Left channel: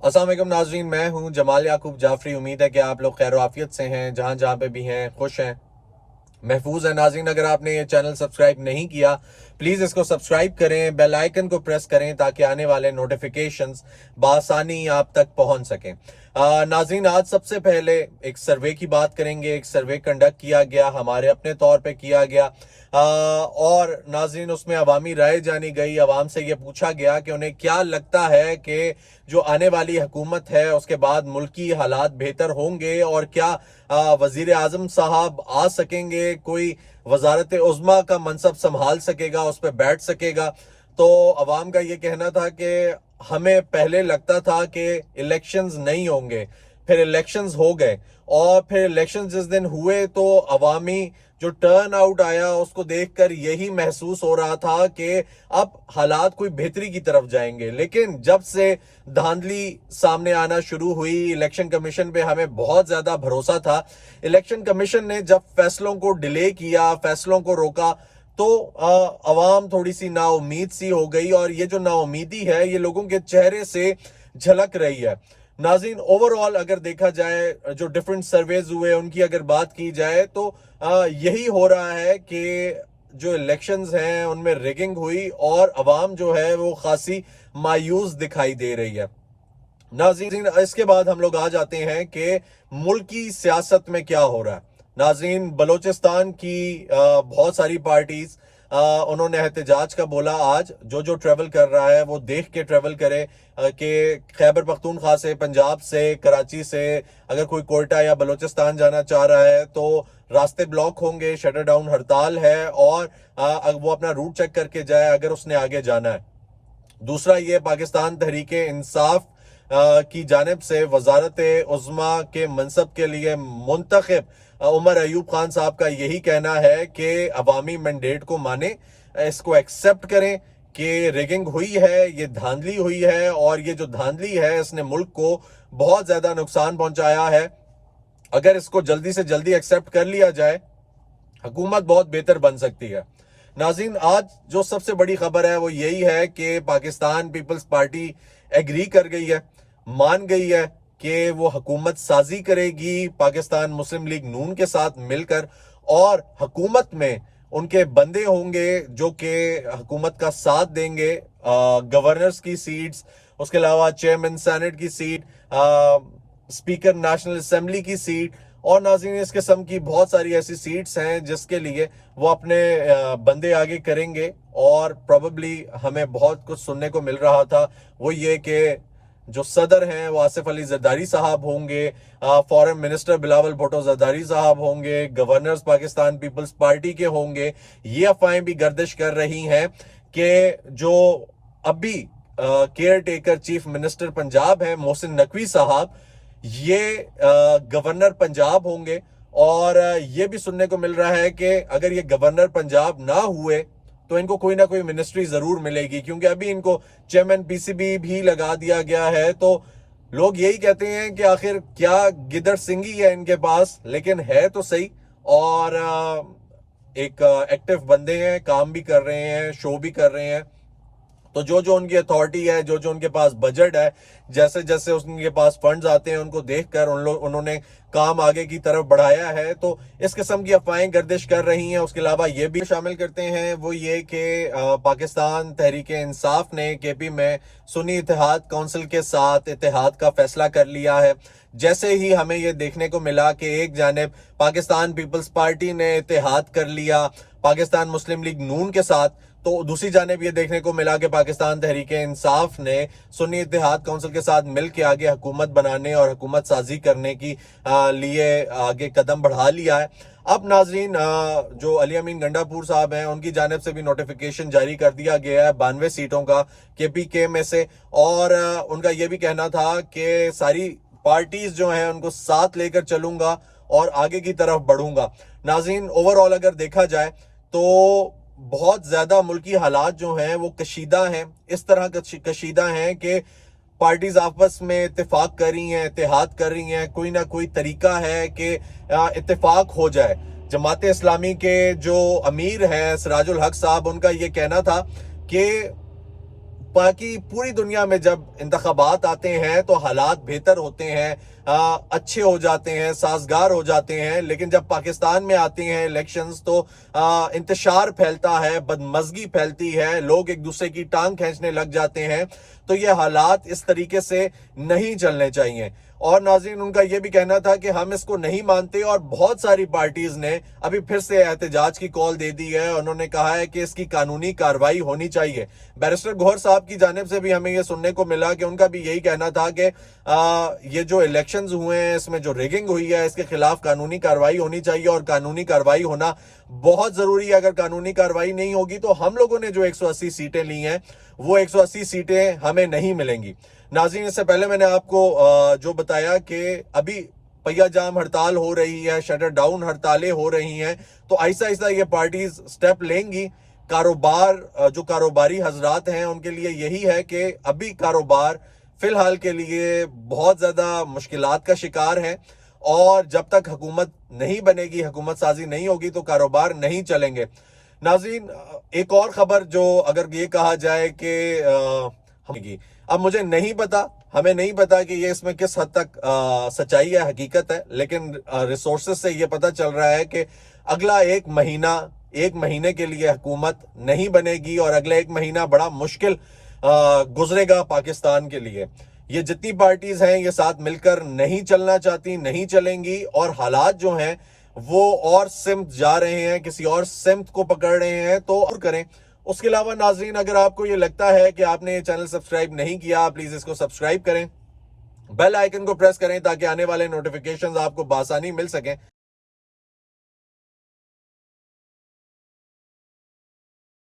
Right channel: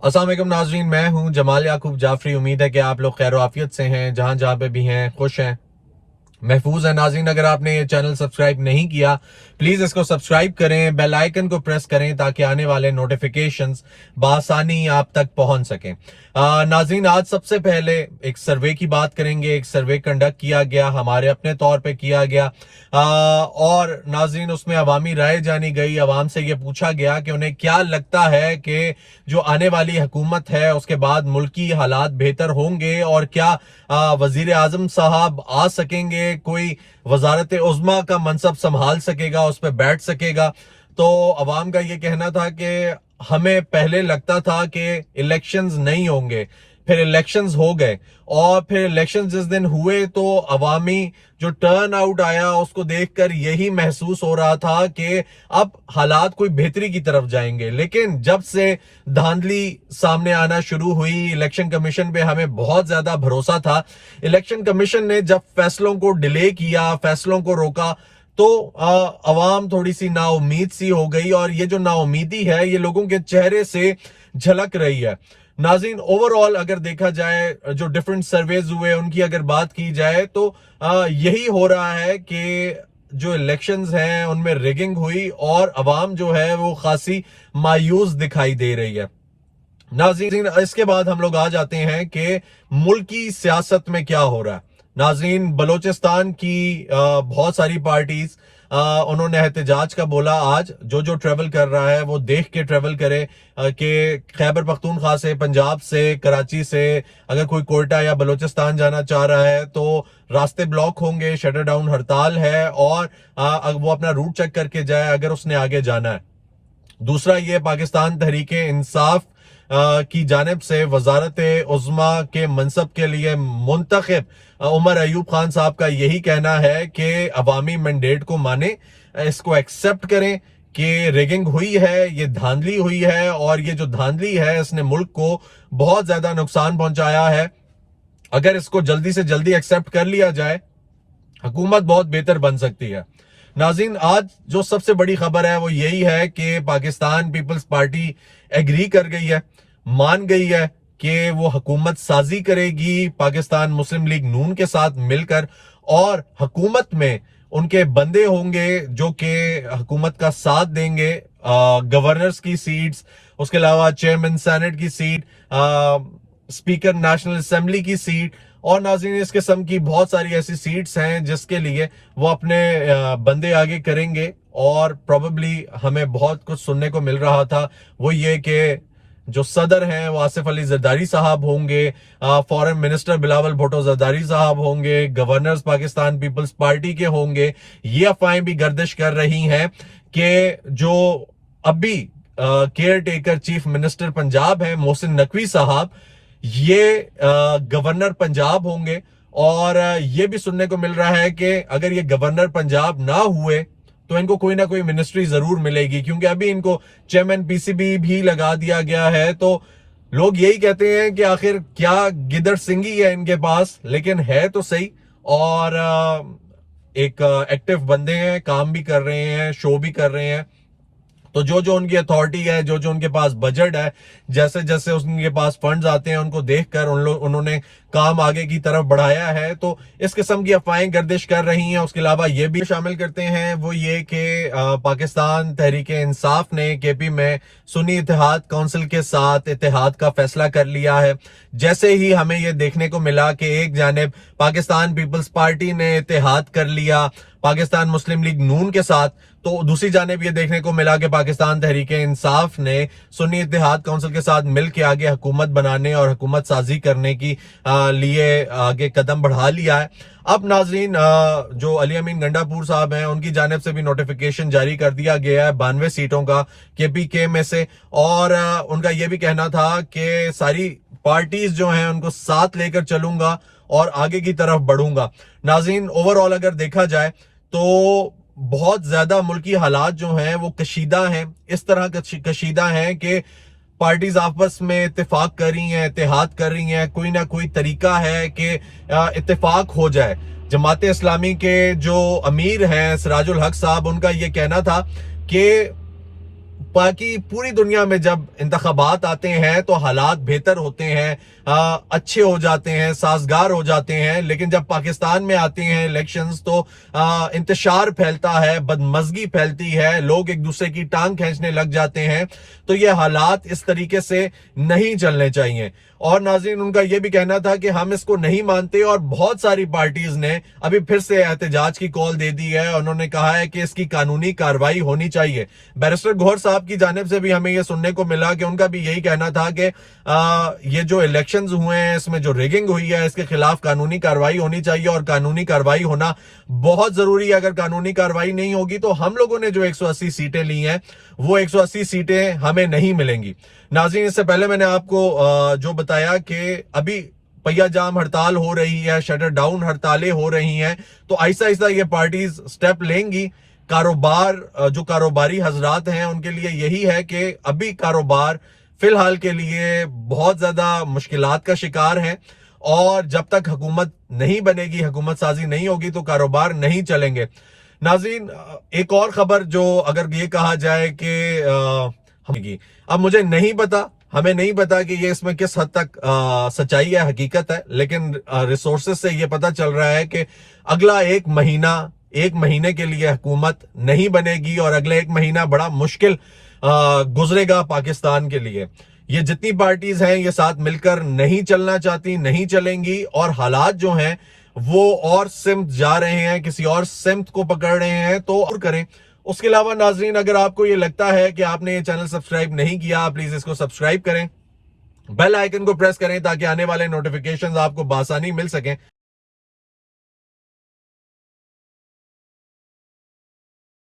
अस्सलाम वालेकुम नाजरीन, मैं हूं जमाल याकूब जाफरी। उम्मीद है कि आप लोग खैर आफियत से हैं, जहां जहां पे भी हैं खुश हैं, महफूज है। नाज़रीन, अगर आपने ये चैनल सब्सक्राइब नहीं किया, प्लीज़ इसको सब्सक्राइब करें, बेल आइकन को प्रेस करें ताकि आने वाले नोटिफिकेशंस बआसानी आप तक पहुंच सकें। नाज़रीन, आज सबसे पहले एक सर्वे की बात करेंगे। एक सर्वे कंडक्ट किया गया, हमारे अपने तौर पे किया गया, और नाज़रीन उसमें अवामी राय जानी गई। अवाम से ये पूछा गया कि उन्हें क्या लगता है कि जो आने वाली हुकूमत है उसके बाद मुल्की हालात बेहतर होंगे, और क्या वजीर आजम साहब आ सकेंगे, कोई वजारत उज़्मा का मनसब संभाल सकेगा, उस पर बैठ सकेगा। तो अवाम का ये कहना था कि हमें पहले लगता था कि इलेक्शंस नहीं होंगे, फिर इलेक्शंस हो गए, और फिर इलेक्शंस जिस दिन हुए तो अवामी जो टर्न आउट आया उसको देखकर यही महसूस हो रहा था कि अब हालात कोई बेहतरी की तरफ जाएंगे। लेकिन जब से धांधली सामने आना शुरू हुई, इलेक्शन कमीशन पे हमें बहुत ज्यादा भरोसा था। इलेक्शन कमीशन ने जब फैसलों को डिले किया, फैसलों को रोका, तो अवाम थोड़ी सी नाउम्मीद सी हो गई, और ये जो नाउम्मीदी है ये लोगों के चेहरे से झलक रही है। नाज़रीन, ओवरऑल अगर देखा जाए, जो डिफरेंट सर्वेज हुए उनकी अगर बात की जाए, तो यही हो रहा है कि जो इलेक्शंस हैं उनमें रिगिंग हुई, और अवाम जो है वो खासी मायूस दिखाई दे रही है। नाज़रीन, इसके बाद हम लोग आ जाते हैं कि मुल्क की सियासत में क्या हो रहा है। नाज़रीन, बलोचिस्तान की बहुत सारी पार्टीज, उन्होंने एहतजाज का बोला। आज जो जो ट्रेवल कर रहा है वो देख के ट्रेवल करे कि खैबर पख्तूनख्वा से, पंजाब से, कराची से अगर कोई कोयटा या बलोचिस्तान जाना चाह रहा है तो रास्ते ब्लॉक होंगे, शटर डाउन हड़ताल है, और वो अपना रूट चेक करके जाए अगर उसने आगे जाना है। दूसरा, ये पाकिस्तान तहरीके इंसाफ की जानिब से वजारत उज़्मा के मनसब के लिए मुंतखब उमर अयूब खान साहब का यही कहना है कि अवामी मैंडेट को माने, इसको एक्सेप्ट करें कि रेगिंग हुई है, ये धांधली हुई है, और ये जो धांधली है इसने मुल्क को बहुत ज्यादा नुकसान पहुंचाया है। अगर इसको जल्दी से जल्दी एक्सेप्ट कर लिया जाए, हुकूमत बहुत बेहतर बन सकती है। नाज़रीन, आज जो सबसे बड़ी खबर है वो यही है कि पाकिस्तान पीपल्स पार्टी एग्री कर गई है, मान गई है कि वो हुकूमत साजी करेगी पाकिस्तान मुस्लिम लीग नून के साथ मिलकर, और हुकूमत में उनके बंदे होंगे जो कि हुकूमत का साथ देंगे। गवर्नर्स की सीट्स, उसके अलावा चेयरमैन सेनेट की सीट, स्पीकर नेशनल असेंबली की सीट, और नाज़रीन इस किस्म की बहुत सारी ऐसी सीट्स हैं जिसके लिए वो अपने बंदे आगे करेंगे। और प्रोबेबली हमें बहुत कुछ सुनने को मिल रहा था, वो ये कि जो सदर हैं वो आसिफ अली जरदारी साहब होंगे, फॉरेन मिनिस्टर बिलावल भुट्टो जरदारी साहब होंगे, गवर्नर्स पाकिस्तान पीपल्स पार्टी के होंगे। ये अफवाहें भी गर्दिश कर रही हैं कि जो अभी care taker chief minister Punjab है मोहसिन नकवी साहब, ये गवर्नर पंजाब होंगे। और ये भी सुनने को मिल रहा है कि अगर ये गवर्नर पंजाब ना हुए तो इनको कोई ना कोई मिनिस्ट्री जरूर मिलेगी, क्योंकि अभी इनको चेयरमैन पीसीबी भी लगा दिया गया है। तो लोग यही कहते हैं कि आखिर क्या गिदड़ सिंगी है इनके पास, लेकिन है तो सही। और एक एक्टिव बंदे हैं, काम भी कर रहे हैं, शो भी कर रहे हैं। तो जो जो उनकी अथॉरिटी है, जो जो उनके पास बजट है, जैसे जैसे उनके पास फंड्स आते हैं उनको देखकर उन्होंने काम आगे की तरफ बढ़ाया है। तो इस किस्म की अफवाहें गर्दिश कर रही हैं। उसके अलावा ये भी शामिल करते हैं, वो ये कि पाकिस्तान तहरीक इंसाफ ने केपी में सुन्नी इत्तेहाद काउंसिल के साथ इत्तेहाद का फैसला कर लिया है। जैसे ही हमें ये देखने को मिला कि एक जानिब पाकिस्तान पीपल्स पार्टी ने इत्तेहाद कर लिया पाकिस्तान मुस्लिम लीग नून के साथ, तो दूसरी जानिब ये देखने को मिला कि पाकिस्तान तहरीक इंसाफ ने सुन्नी इत्तेहाद काउंसिल के साथ मिलकर आगे हुकूमत बनाने और हुकूमत साजी करने की लिए आगे कदम बढ़ा लिया है। अब नाजरीन, जो अली अमीन गंडापुर साहब हैं उनकी जानिब से भी नोटिफिकेशन जारी कर दिया गया है 92 सीटों का केपीके में से, और उनका ये भी कहना था कि सारी पार्टीज जो हैं उनको साथ लेकर चलूंगा और आगे की तरफ बढ़ूंगा। नाजरीन, ओवरऑल अगर देखा जाए तो बहुत ज्यादा मुल्की हालात जो हैं वो कशीदा हैं, इस तरह कशीदा हैं कि पार्टीज आपस में इत्तेफाक कर रही हैं, इत्तेहाद कर रही हैं, कोई ना कोई तरीका है कि इत्तेफाक हो जाए। जमात इस्लामी के जो अमीर हैं सिराजुल हक साहब, उनका ये कहना था कि باقی پوری دنیا میں جب انتخابات آتے ہیں تو حالات بہتر ہوتے ہیں، اچھے ہو جاتے ہیں، سازگار ہو جاتے ہیں، لیکن جب پاکستان میں آتے ہیں الیکشنز تو انتشار پھیلتا ہے، بدمزگی پھیلتی ہے، لوگ ایک دوسرے کی ٹانگ کھینچنے لگ جاتے ہیں۔ تو یہ حالات اس طریقے سے نہیں چلنے چاہیے۔ اور ناظرین، ان کا یہ بھی کہنا تھا کہ ہم اس کو نہیں مانتے، اور بہت ساری پارٹیز نے ابھی پھر سے احتجاج کی کال دے دی ہے۔ انہوں نے کہا ہے کہ اس کی قانونی کارروائی ہونی چاہیے۔ بیرسٹر گوہر صاحب کی جانب سے بھی ہمیں یہ سننے کو ملا کہ ان کا بھی یہی کہنا تھا کہ یہ جو الیکشنز ہوئے ہیں، اس میں جو ریگنگ ہوئی ہے، اس کے خلاف قانونی کارروائی ہونی چاہیے، اور قانونی کارروائی ہونا بہت ضروری ہے۔ اگر قانونی کارروائی نہیں ہوگی تو ہم لوگوں نے جو 180 سیٹیں لی ہیں وہ 180 سیٹیں ہمیں نہیں ملیں گی۔ ناظرین، اس سے پہلے میں نے آپ کو جو بتایا کہ ابھی پہیا جام ہڑتال ہو رہی ہے، شٹر ڈاؤن ہڑتالیں ہو رہی ہیں، تو آہستہ آہستہ یہ پارٹیز سٹیپ لیں گی۔ جو کاروباری حضرات ہیں ان کے لیے یہی ہے کہ ابھی کاروبار فی الحال کے لیے بہت زیادہ مشکلات کا شکار ہیں، اور جب تک حکومت نہیں بنے گی، حکومت سازی نہیں ہوگی تو کاروبار نہیں چلیں گے۔ ناظرین، ایک اور خبر جو اگر یہ کہا جائے کہ اب مجھے نہیں پتا، ہمیں نہیں پتا کہ یہ اس میں کس حد تک سچائی ہے، حقیقت ہے، لیکن ریسورسز سے یہ پتا چل رہا ہے کہ اگلا ایک مہینے کے لیے حکومت نہیں بنے گی، اور اگلا ایک مہینہ بڑا مشکل گزرے گا پاکستان کے لیے۔ یہ جتنی پارٹیز ہیں یہ ساتھ مل کر نہیں چلنا چاہتی، نہیں چلیں گی، اور حالات جو ہیں وہ اور سمت جا رہے ہیں، کسی اور سمت کو پکڑ رہے ہیں، تو اور کریں۔ اس کے علاوہ ناظرین، اگر آپ کو یہ لگتا ہے کہ آپ نے یہ چینل سبسکرائب نہیں کیا، پلیز اس کو سبسکرائب کریں، بیل آئیکن کو پریس کریں تاکہ آنے والے نوٹیفیکیشنز آپ کو بآسانی مل سکیں۔